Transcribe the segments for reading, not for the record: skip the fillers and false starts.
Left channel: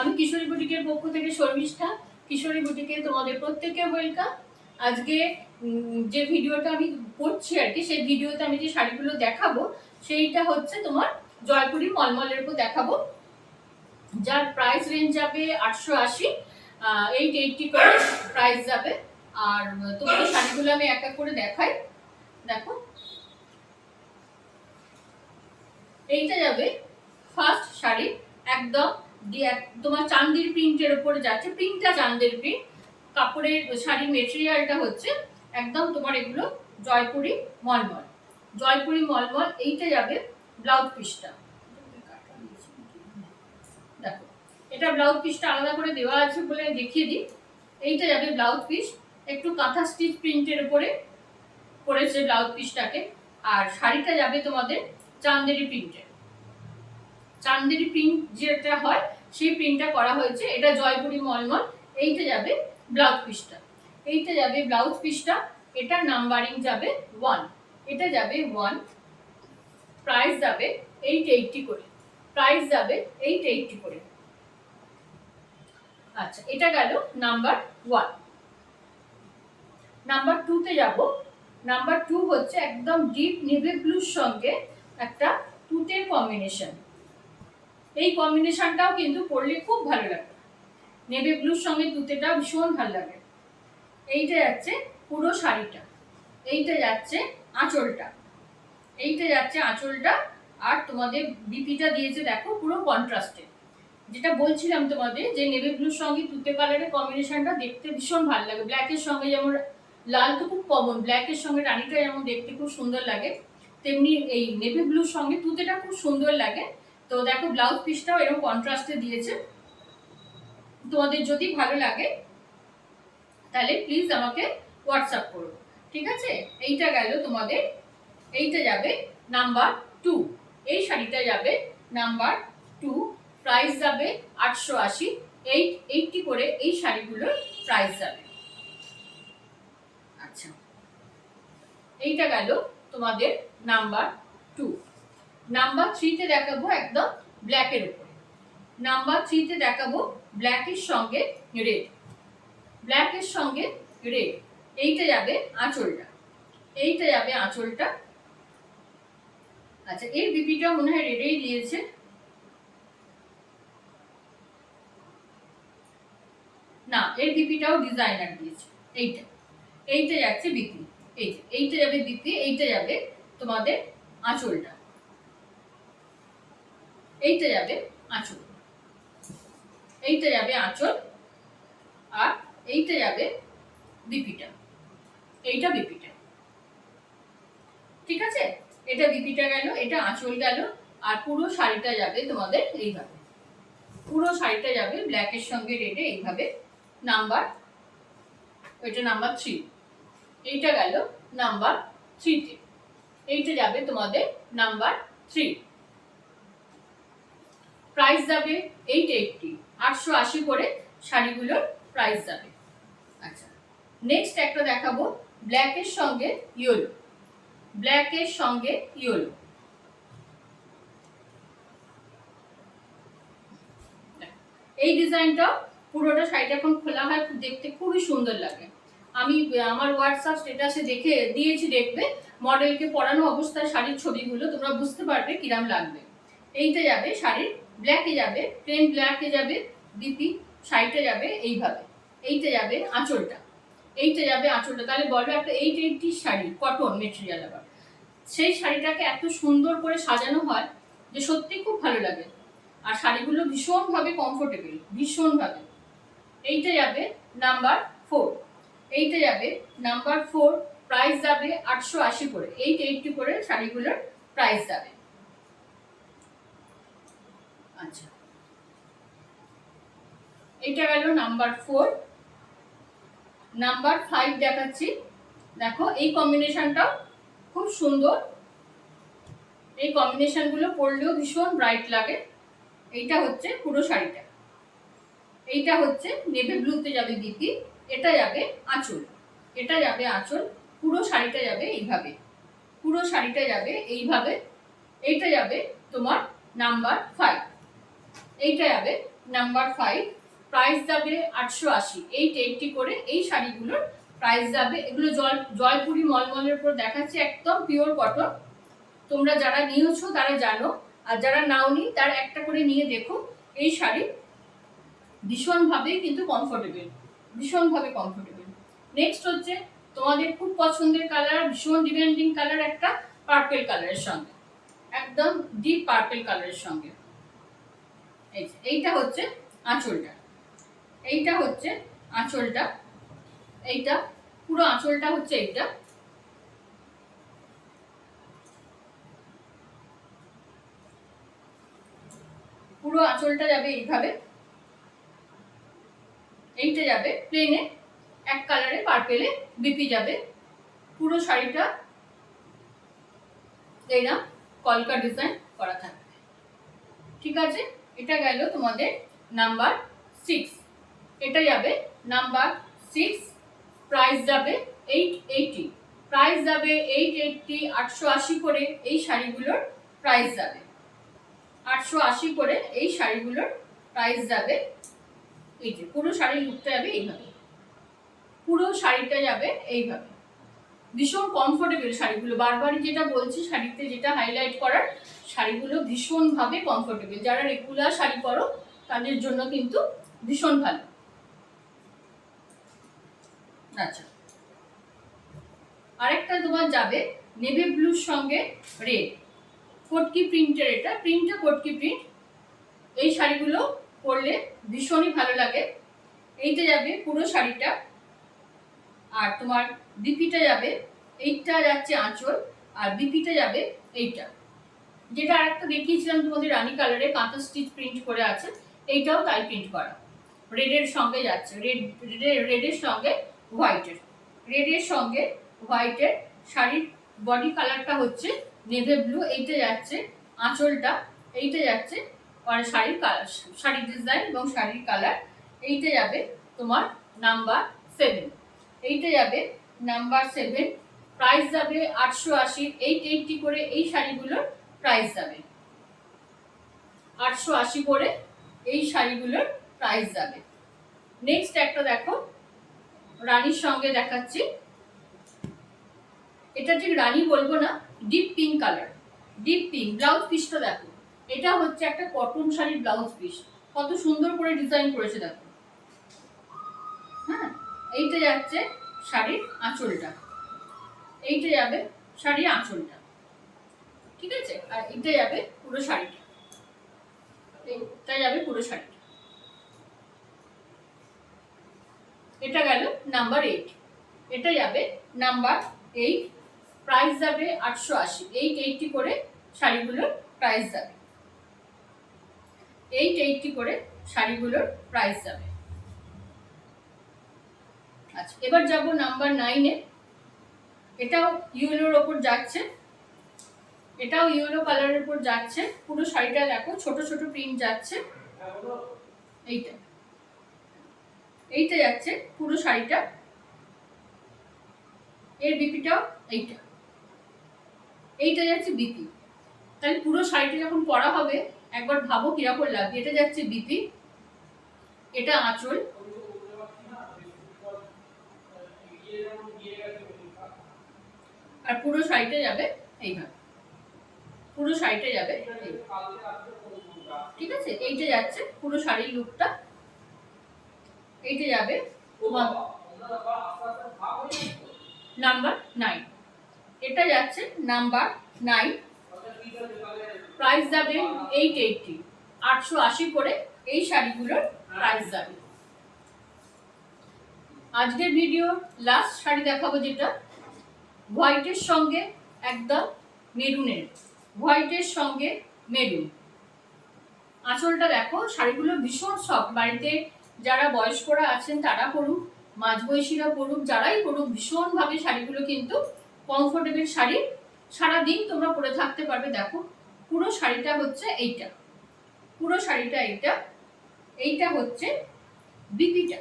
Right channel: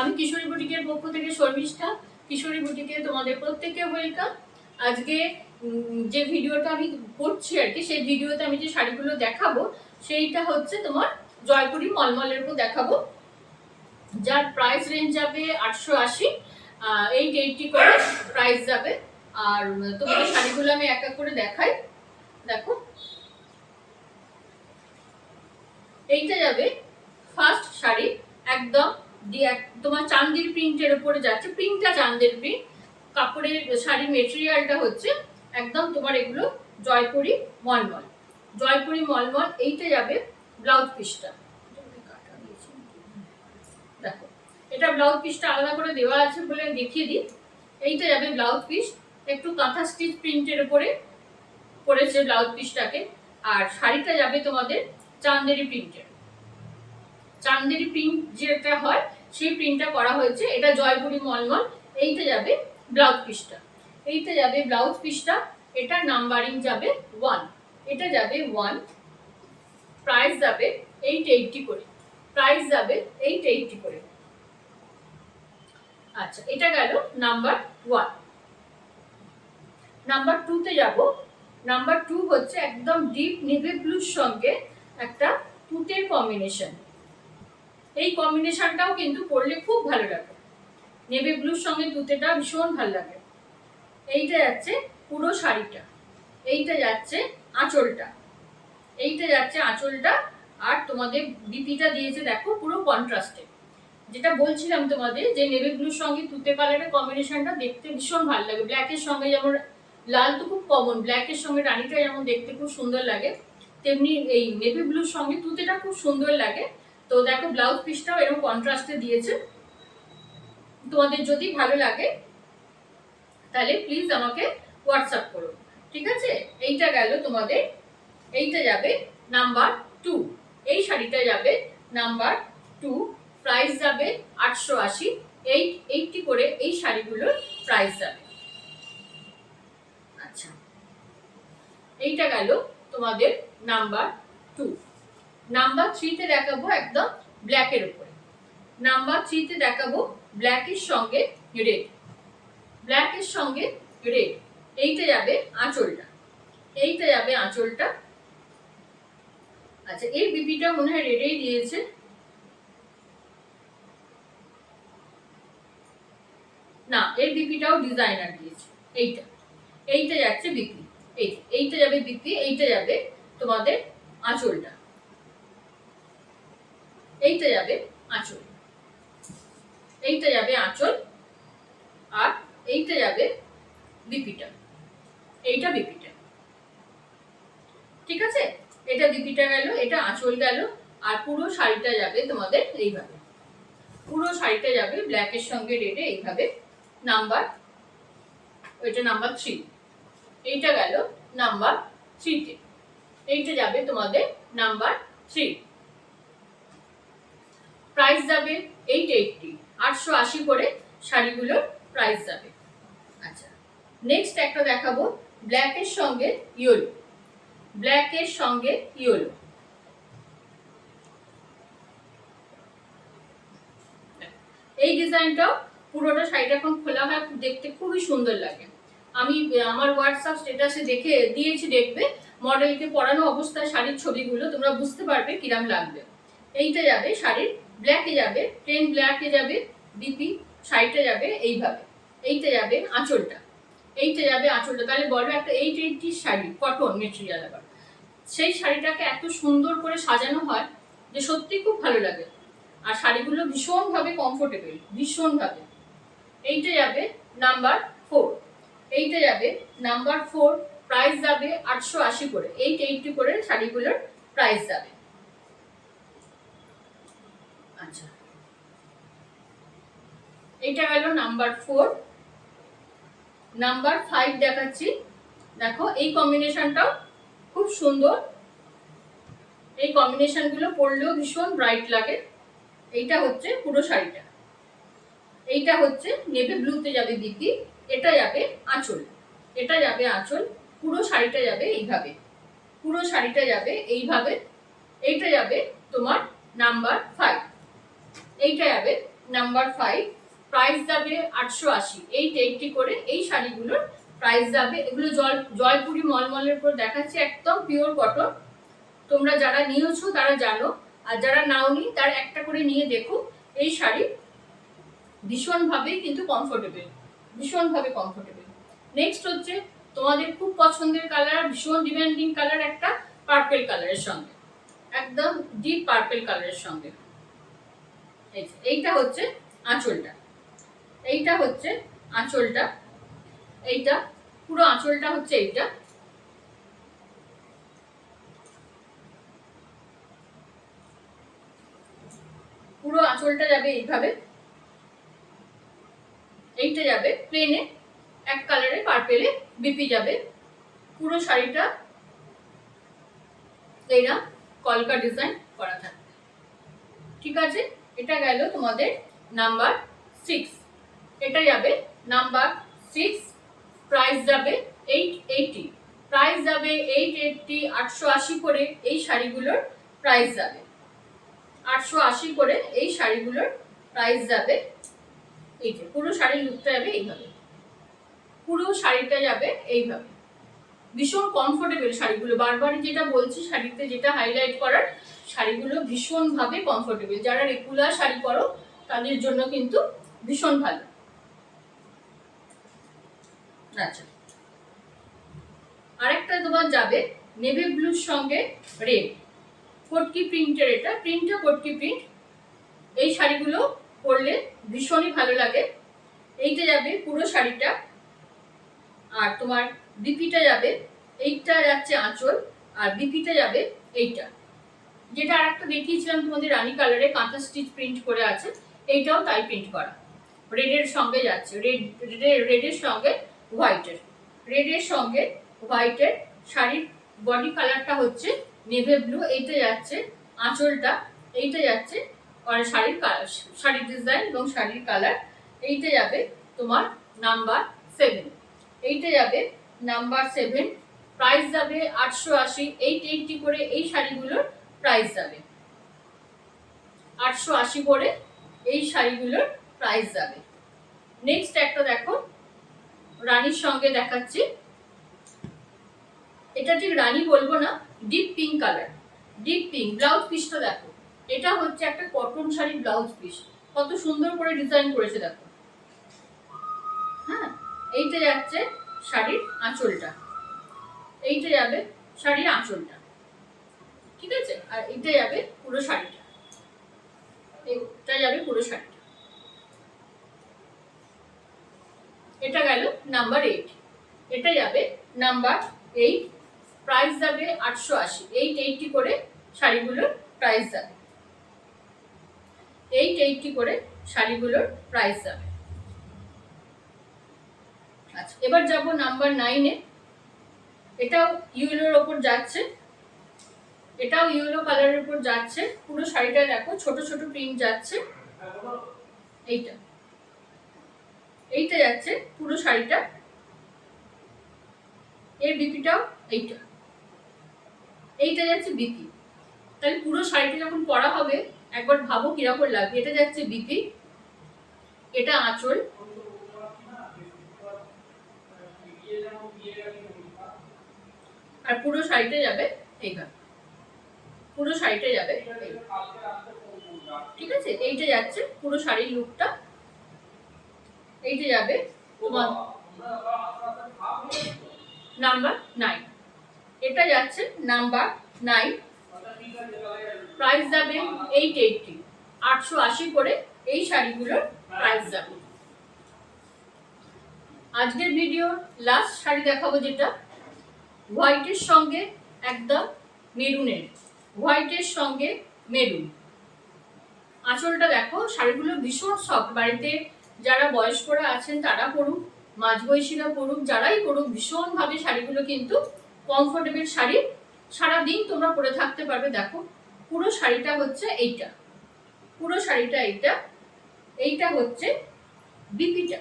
আমি কিশোরী বুটিকের পক্ষ থেকে শর্মিষ্ঠা। কিশোরী বুটিকে তোমাদের প্রত্যেককে ওয়েলকাম। আজকে যে ভিডিওটা আমি করছি আর কি, সেই ভিডিওতে আমি যে শাড়িগুলো দেখাবো সেইটা হচ্ছে তোমার জয়পুরি মলমলের উপর দেখাবো, যার প্রাইস রেঞ্জ যাবে 880, 880 করে প্রাইস যাবে। আর তোমাদের শাড়িগুলো আমি এক এক করে দেখাই। দেখো, এইটা যাবে ফার্স্ট শাড়ি, একদম তোমার চান্দির প্রিন্টের উপরে যাচ্ছে, প্রিন্টটা চান্দের প্রিন্ট, কাপড়ের শাড়ির মেটেরিয়ালটা হচ্ছে একদম তোমার এগুলো জয়পুরি মলমল। জয়পুরি মলমল। এইটা যাবে ব্লাউজ পিসটা, দেখো এটা ব্লাউজ পিসটা আলাদা করে দেওয়া আছে বলে দেখিয়ে দিই। এইটা যাবে ব্লাউজ পিস, একটু কাঁথা স্টিচ প্রিন্টের উপরে করেছে ব্লাউজ পিসটাকে। আর শাড়িটা যাবে তোমাদের চান্দেরি প্রিন্টের, চান্দেরি প্রিন্ট যেটা হয় সেই প্রিন্টটা করা হয়েছে, এটা জয়পুরি মলমল। এইটা যাবে ব্লাউজ পিসটা, এইটা যাবে ব্লাউজ পিসটা, এটা নাম্বারিং যাবে 1, এটা যাবে 1, প্রাইস যাবে 880 করে, প্রাইস যাবে 880 করে। আচ্ছা, এটা গেল নাম্বার 1। নাম্বার 2 তে যাব। নাম্বার 2 হচ্ছে একদম ডিপ নেভি ব্লুর সঙ্গে একটা তুতের কম্বিনেশন। এই কম্বিনেশনটাও কিন্তু পরলে খুব ভালো লাগে, নেভি ব্লুর সঙ্গে তুতেটা ভীষণ ভালো লাগে। এইটা যাচ্ছে পুরো শাড়িটা, এইটা যাচ্ছে আঁচলটা, এইটা যাচ্ছে আঁচলটা। আর তোমাদের বিপিটা দিয়েছে দেখো পুরো কন্ট্রাস্টে, যেটা বলছিলাম তোমাদের যে নেভি ব্লুর সঙ্গে তুতে কালারের কম্বিনেশনটা দেখতে ভীষণ ভালো লাগে। ব্ল্যাকের সঙ্গে যেমন লাল তো খুব কমন, ব্ল্যাকের সঙ্গে রানীটা যেমন দেখতে খুব সুন্দর লাগে, তেমনি এই নেভি ব্লুর সঙ্গে তুতেটা খুব সুন্দর লাগে। তো দেখো ব্লাউজ পিসটাও এরকম কন্ট্রাস্টে দিয়েছে। তোমাদের যদি ভালো লাগে তাহলে প্লিজ আমাকে হোয়াটসঅ্যাপ করো, ঠিক আছে? এইটা গেল তোমাদের, এইটা যাবে নাম্বার 2, এই শাড়িটা যাবে নাম্বার 2, প্রাইস যাবে 880, 880 করে এই শাড়িগুলোর প্রাইস যাবে। আচ্ছা, এইটা গেল তোমাদের নাম্বার 2। নাম্বার 3 তে দেখাবো একদম ব্ল্যাকের উপরে। নাম্বার 3 তে দেখাবো ব্ল্যাকের সঙ্গে রেড, ব্ল্যাকের সঙ্গে রেড। এইটা যাবে আঁচলটা, এইটা যাবে আঁচলটা। আচ্ছা, এই বিপিটা মনে হয় রেডেই দিয়েছে, না এর বিপিটাও ডিজাইনার দিয়েছে। এইটা, এইটা যাচ্ছে বিপি, এইটা যাবে বিপি, এইটা যাবে তোমাদের আঁচলটা, এইটা যাবে আঁচল, এইটা যাবে আঁচল। আর এইটা যাবে বিপিটা, এইটা বিপিটা, ঠিক আছে? এটা বিপিটা গেল, এটা আঁচল গেল। আর পুরো শাড়িটা যাবে তোমাদের এইভাবে, পুরো শাড়িটা যাবে ব্ল্যাকের সঙ্গে রেডে এইভাবে। নাম্বার, ওইটা নাম্বার 3, এইটা গেল নাম্বার 3 তে, এইটা যাবে তোমাদের নাম্বার 3, প্রাইস যাবে 880, 880 করে শাড়িগুলোর প্রাইস যাবে। আচ্ছা, নেক্সট একটা দেখাবো ব্ল্যাকের সঙ্গে ইয়েলো, ব্ল্যাকের সঙ্গে ইয়েলো। এই ডিজাইনটা পুরোটা শাড়িটা এখন খোলা হয়, দেখতে খুবই সুন্দর লাগে। আমি আমার হোয়াটসঅ্যাপ স্ট্যাটাসে দেখে দিয়েছি, দেখবে মডেলকে পরানো অবস্থায় শাড়ির ছবিগুলো, তোমরা বুঝতে পারবে কিরাম লাগবে। এইটা যাবে শাড়ির ব্ল্যাকে যাবে, প্লেন ব্ল্যাকে যাবে বিপি, শাড়িটা যাবে এইভাবে। এইটা যাবে আঁচলটা, এইটা যাবে আঁচলটা। তাহলে বলো একটা 880 শাড়ি, কটন মেটেরিয়াল, আবার সেই শাড়িটাকে এত সুন্দর করে সাজানো হয় যে সত্যি খুব ভালো লাগে। আর শাড়িগুলো ভীষণভাবে কমফোর্টেবল, ভীষণভাবে। এইটা যাবে নাম্বার 4, এইটা যাবে নাম্বার 4, প্রাইস যাবে 880 করে, 880 করে শাড়িগুলোর প্রাইস যাবে। আচ্ছা, এইটা গেল নাম্বার 4। নাম্বার 5 দেখাচ্ছি, দেখো এই কম্বিনেশনটাও খুব সুন্দর, এই কম্বিনেশনগুলো পরলেও ভীষণ ব্রাইট লাগে। এইটা হচ্ছে পুরো শাড়িটা, এইটা হচ্ছে নেভি ব্লুতে যাবে বিপি, এটা যাবে আঁচল, এটা যাবে আঁচল। পুরো শাড়িটা যাবে এইভাবে, পুরো শাড়িটা যাবে এইভাবে। এইটা যাবে তোমার নাম্বার 5, এইটা যাবে নাম্বার 5, প্রাইস যাবে 880। 880 করে এই শাড়িগুলোর প্রাইস যাবে। এগুলো জয়পুরি মলমলের উপর দেখাচ্ছি, একদম পিওর কটন। তোমরা যারা নিয়েছো তারা জানো, আর যারা নাওনি তারা একটা করে নিয়ে দেখো। এই শাড়ি ভীষণভাবে কিন্তু কমফোর্টেবল, ভীষণভাবে কমফোর্টেবল। নেক্সট হচ্ছে তোমাদের খুব পছন্দের কালার, ভীষণ ডিমান্ডিং কালার, একটা পার্পল কালারের সঙ্গে, একদম ডিপ পার্পল কালারের সঙ্গে। এইটা হচ্ছে আঁচলটা, এইটা হচ্ছে আঁচলটা, এইটা পুরো আঁচলটা হচ্ছে এইটা। পুরো আঁচলটা যাবে এইভাবে, এইটা যাবে প্লেনে এক কালারে পার্পেলে বিপি যাবে। পুরো শাড়িটা এইরকম কলকা ডিজাইন করা থাকবে। ঠিক আছে, এটা গেল তোমাদের নাম্বার 6। এটা যাবে নাম্বার 6, প্রাইস যাবে 880। প্রাইস যাবে 880, 880 করে এই শাড়িগুলোর প্রাইস যাবে। 880 করে এই শাড়িগুলোর প্রাইস যাবে। এই যে পুরো শাড়ির লুকটা যাবে এইভাবে, পুরো শাড়িটা যাবে এইভাবে। ভীষণ কমফোর্টেবল শাড়িগুলো, বারবার যেটা বলছি, শাড়িতে যেটা হাইলাইট করার, শাড়িগুলো ভীষণভাবে কমফোর্টেবল। যারা রেগুলার শাড়ি পরো তাদের জন্য কিন্তু ভীষণ ভালো। আচ্ছা, আরেকটা তোমার যাবে নেভি ব্লুর সঙ্গে রেড, কটকি প্রিন্টের। এটা প্রিন্টটা কটকি প্রিন্ট। এই শাড়িগুলো পরলে ভীষণই ভালো লাগে। এইটা যাবে পুরো শাড়িটা, আর তোমার বিপিটা যাবে, এইটা যাচ্ছে আঁচল, আর বিপিটা যাবে এইটা। যেটা আরেকটা দেখিয়েছিলাম তোমাদের রানী কালারে কাঁথা স্টিচ প্রিন্ট করে আছে, এইটাও তাই প্রিন্ট করা। রেডের সঙ্গে যাচ্ছে, রেডের সঙ্গে হোয়াইটের, রেডের সঙ্গে হোয়াইটের। শাড়ির বডি কালারটা হচ্ছে নেভি ব্লু। এইটা যাচ্ছে আঁচলটা, এইটা যাচ্ছে আর শাড়ির কালার, শাড়ির ডিজাইন এবং শাড়ির কালার। এইটা যাবে তোমার নাম্বার 7। এইটা যাবে নাম্বার 7, প্রাইস যাবে 880। 880 করে এই শাড়িগুলোর প্রাইস যাবে। 880 করে এই শাড়িগুলোর প্রাইস যাবে। নেক্সট একটা দেখো, রানীর সঙ্গে দেখাচ্ছি। এটা ঠিক রানী বলবো না, deep pink colour, deep pink. Blouse পিসটা দেখো, এটা হচ্ছে একটা কটন শাড়ির ব্লাউজ পিস, কত সুন্দর করে ডিজাইন করেছে দেখো। হ্যাঁ, এইটা যাচ্ছে শাড়ির আঁচলটা, এইটা যাবে শাড়ির আঁচলটা। ঠিক আছে, আর এটা যাবে পুরো শাড়িটা, এটা যাবে পুরো শাড়িটা। এটা গেল নাম্বার 8। এটা যাবে নাম্বার 8, প্রাইস যাবে 880। 880 করে শাড়িগুলোর প্রাইস যাবে। 880 করে শাড়িগুলোর প্রাইস যাবে। আচ্ছা, এবার যাব নাম্বার 9-এ। এটাও ইয়েলোর ওপর যাচ্ছে, এটাও ইয়েলো কালারের উপর যাচ্ছে। পুরো শাড়িটা দেখো ছোট ছোট প্রিন্ট যাচ্ছে। এইটা, এইটা যাচ্ছে পুরো শাড়িটা। এর বিপিটাও এইটা, এইটা যাচ্ছে বিপি। তাহলে পুরো শাড়িটা যখন পরা হবে একবার ভাবো কিরকম লাগবে। এটা যাচ্ছে বিপি, এটা আঁচল, আর পুরো শাড়িটা যাবে এইভাবে, পুরো শাড়িটা যাবে। ঠিক আছে, এইটা যাচ্ছে পুরো শাড়ির লুকটা। এইটা যাবে তোমার নাম্বার 9। এটা যাচ্ছে নাম্বার 9, প্রাইস যাবে 880। 880 করে এই শাড়িগুলোর প্রাইস যাবে। আজকের ভিডিও লাস্ট শাড়ি দেখাবো, যেটা হোয়াইটের সঙ্গে একদম মেরুনের, হোয়াইটের সঙ্গে মেরুন। আঁচলটা দেখো, শাড়িগুলো ভীষণ সফট। বাড়িতে যারা বয়স্করা আছেন তারা পরুক, মাঝবয়সীরা পরুক, যারাই পরুক, ভীষণভাবে শাড়িগুলো কিন্তু কমফোর্টেবল শাড়ি, সারাদিন তোমরা পরে থাকতে পারবে। দেখো পুরো শাড়িটা হচ্ছে এইটা, পুরো শাড়িটা এইটা, এইটা হচ্ছে বিপিটা।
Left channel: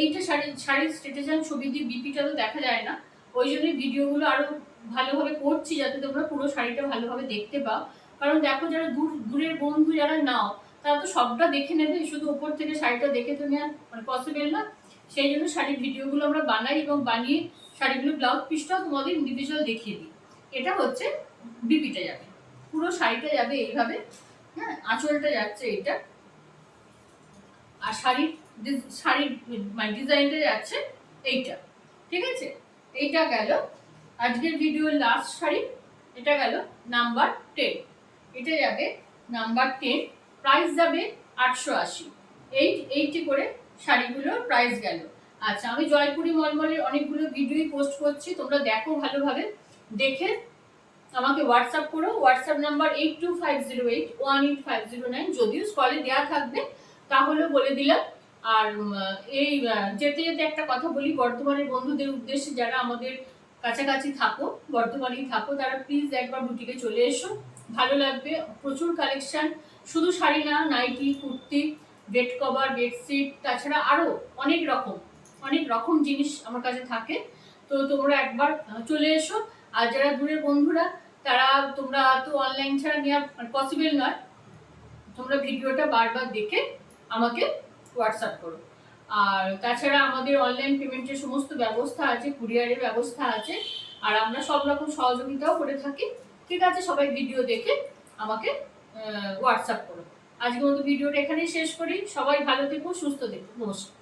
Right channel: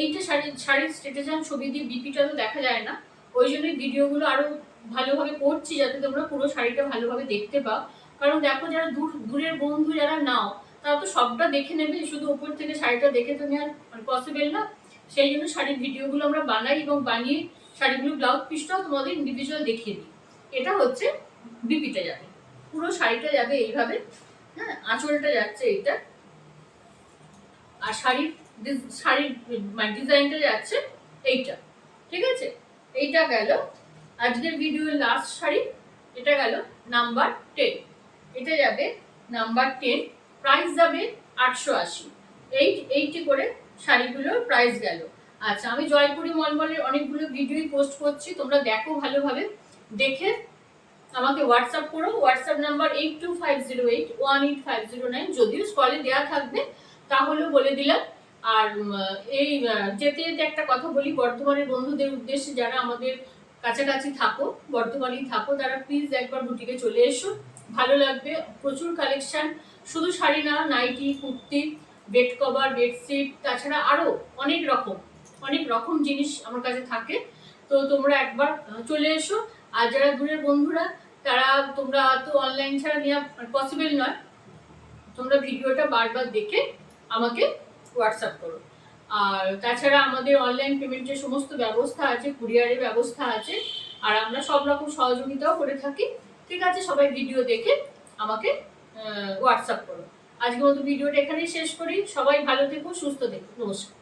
এইটা শাড়ির স্টেটাস ছবি দিয়ে, বিপিটা তো দেখা যায় না, ওই জন্যই ভিডিওগুলো আরো ভালোভাবে করছি যাতে তোমরা পুরো শাড়িটা ভালোভাবে দেখতে পাও। কারণ দেখো, যারা দূরের বন্ধু যারা নাও তারা তো সবটা দেখে নেবে, শুধু উপর থেকে শাড়িটা দেখে তো নেওয়ার মানে পসিবল না। সেই জন্য শাড়ির ভিডিওগুলো আমরা বানাই এবং বানিয়ে শাড়িগুলো ব্লাউজ পিসটাও তোমাদের ইন্ডিভিজুয়াল দেখিয়ে দিই। এটা হচ্ছে বিপিটা যাবে, পুরো শাড়িটা যাবে এইভাবে, হ্যাঁ, আঁচলটা যাচ্ছে এইটা, আর শাড়ির শাড়ির মানে ডিজাইনটা যাচ্ছে এইটা, ঠিক আছে। এইটা গেল আজকের ভিডিওর লাস্ট শাড়ি, এটা গেল নাম্বার 10, এটা যাবে নাম্বার 10, প্রাইস যাবে 880। এইটি করে শাড়িগুলোর প্রাইস গেল। আচ্ছা, আমি জয়পুরি মলমলের অনেকগুলো ভিডিওই পোস্ট করছি, তোমরা দেখো ভালোভাবে, দেখে আমাকে হোয়াটসঅ্যাপ করো। হোয়াটসঅ্যাপ নাম্বার 8250818509, যদিও স্কলে দেওয়া থাকবে, তাহলেও বলে দিলাম। আর এই যেতে যেতে একটা কথা বলি, বর্ধমানের বন্ধুদের উদ্দেশ্যে, যারা আমাদের কাছাকাছি থাকো, বর্ধমানেই থাকো, তারা প্লিজ একবার বুটিকে চলে এসো, ভালো লাগবে। প্রচুর কালেকশন, শুধু শাড়ি না, nightie, kurti, bed cover, bedsheet, তাছাড়া আরও অনেক রকম জিনিস আমার কাছে থাকে। তো তোমরা একবার চলে এসো। আর যারা দূরের বন্ধুরা, তোমরা তো অনলাইন ছাড়া নেওয়া পসিবল নয়, তোমরা ভিডিওটা বারবার দেখে আমাকে হোয়াটসঅ্যাপ করো। আর তাছাড়া আমাদের অনলাইন পেমেন্টের সমস্ত ব্যবস্থা আছে, কুরিয়ারের ব্যবস্থা আছে, আর আমরা সব রকম সহযোগিতাও করে থাকি। ঠিক আছে, সবাই ভিডিও দেখে আমাকে হোয়াটসঅ্যাপ করো। আজকের মতো ভিডিওটা এখানেই শেষ করি। সবাই ভালো থেকো, সুস্থ থেকো, নমস্কার।